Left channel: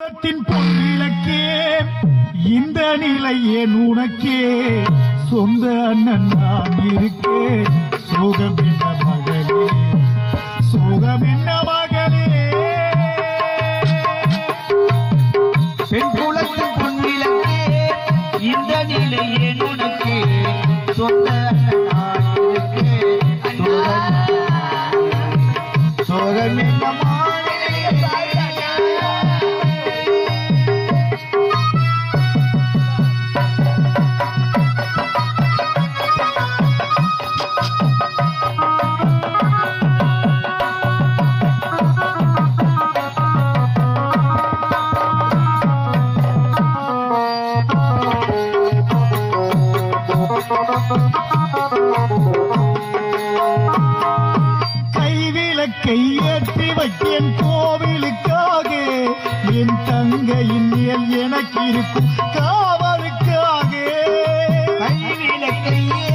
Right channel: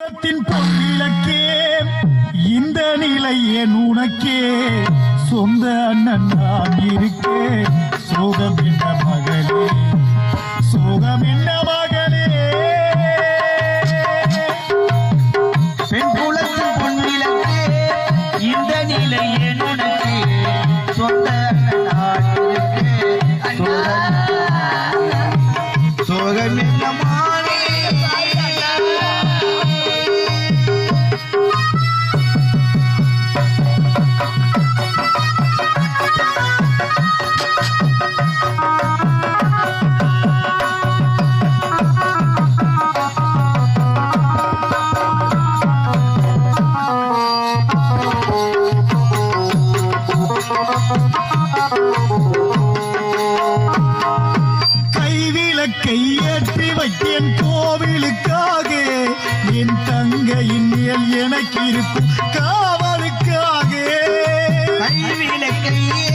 பொன்னிலக்கே இந்த நிலை என் உனக்கே. சொந்த அண்ணன் நான் இருக்கே சோகம் என்ன மகளே சோகம் என்ன மகளே. பெண் குலத்தின் பொன்னிலக்கே இந்த நிலை எனக்கு சொந்த அண்ணன் நான். சோகம் சோகம் என்ன கைவிளக்கை ஏற்றி வைத்தேன் கோவிலுக்காக. என் தங்கையின் மேல் எனக்கு இருக்கும் காவலுக்காக. கைவிளக்கை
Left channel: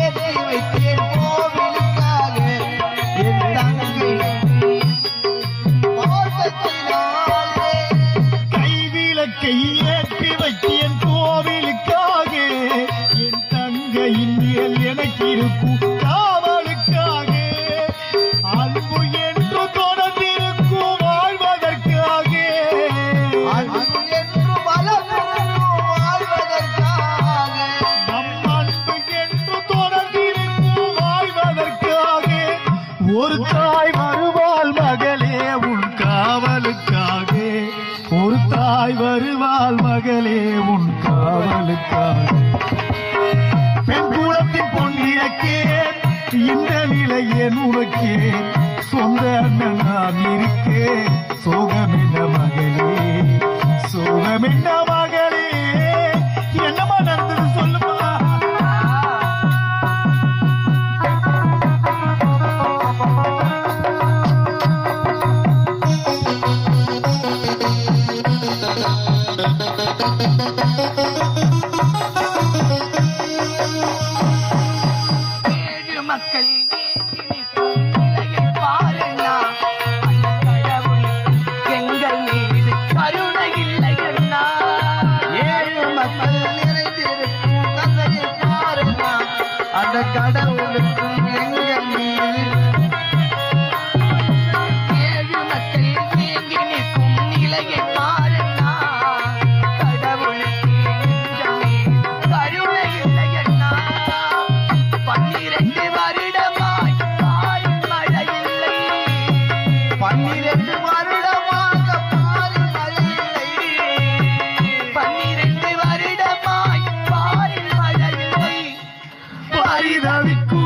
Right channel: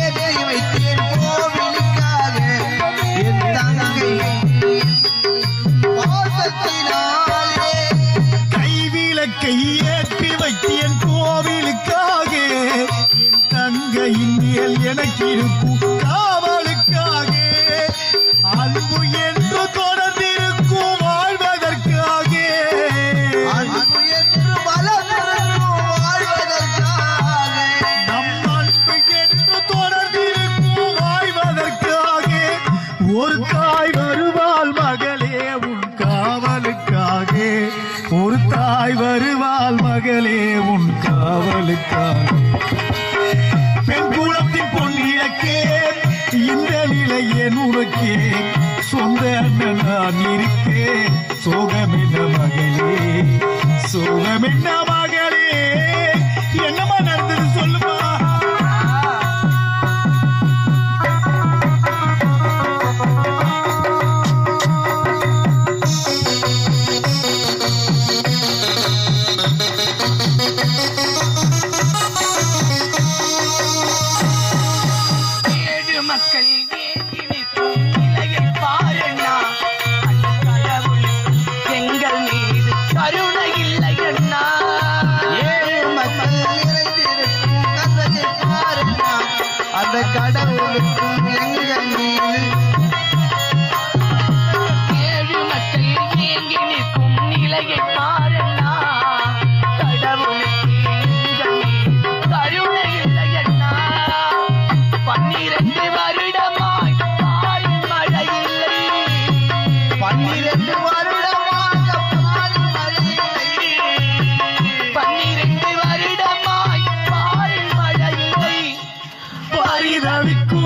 இருக்கும் காவலுக்காக அன்பு என்று தொடர்ந்திருக்கும் வாழ்வதற்காக அன்பு என்று வளர்ந்திருக்கும் வாழ்வதற்காக நம் அன்பு என்று தொடர்ந்திருக்கும் வாழ்வதற்காக ஒரு தாய் வருவாள் மகளே உன் காவலுக்காக ஒரு தாய் வருவாள் மகளே உன் காவலுக்காக பெண் குலத்தின் இந்த உனக்கே சொந்த அண்ணன் நான் இருக்கே சோகமின்ன மகளே சோகமின்ன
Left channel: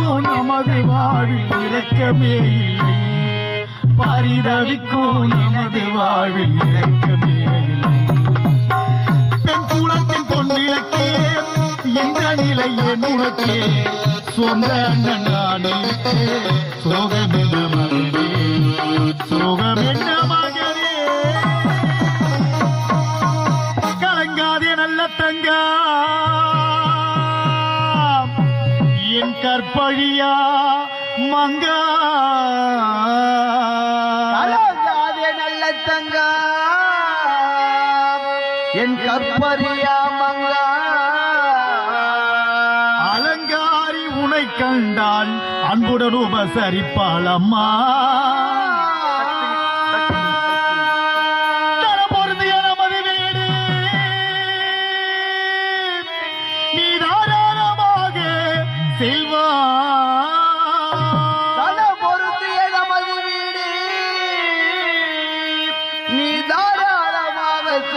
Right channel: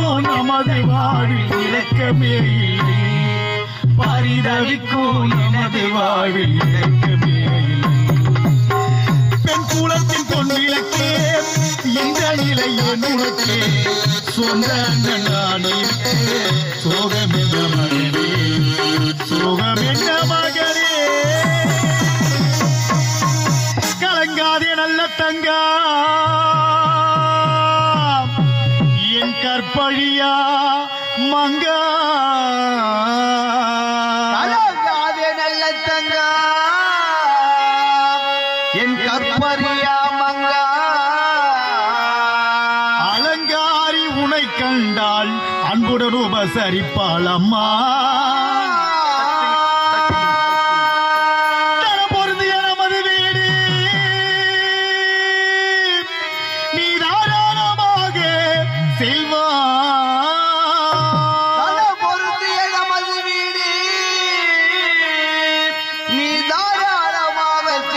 பரிதவிக்கும் நமது வாழ்வில் இலக்கமே இல்லை பரிதவிக்கும் நமது வாழ்வில் இலக்கமே பெண் குலத்தின் பொன்னிலக்கே இந்த நிலை என் உனக்கே சொந்த அண்ணன் நான் இருக்கே சோகம் என்ன மகளே கலங்காதே நல்ல தங்கா. என் கற்பழியா மங்கா. நல்ல தங்கா. என் கற்பரியா மங்கா. அலங்காரி உனை கண்டால் அன்புடன் உபசரிப்பாள் அம்மா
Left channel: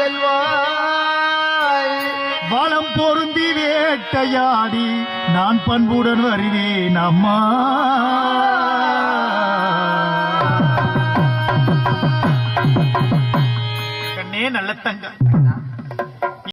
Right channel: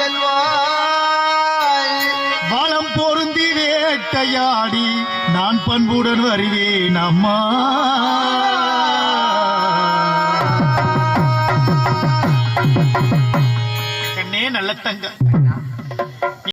செல்வாய். வளம் பொருந்தி வேட்டையாடி நான் பண்புடன் வருவேன் அம்மா. கண்ணே நல்ல தங்க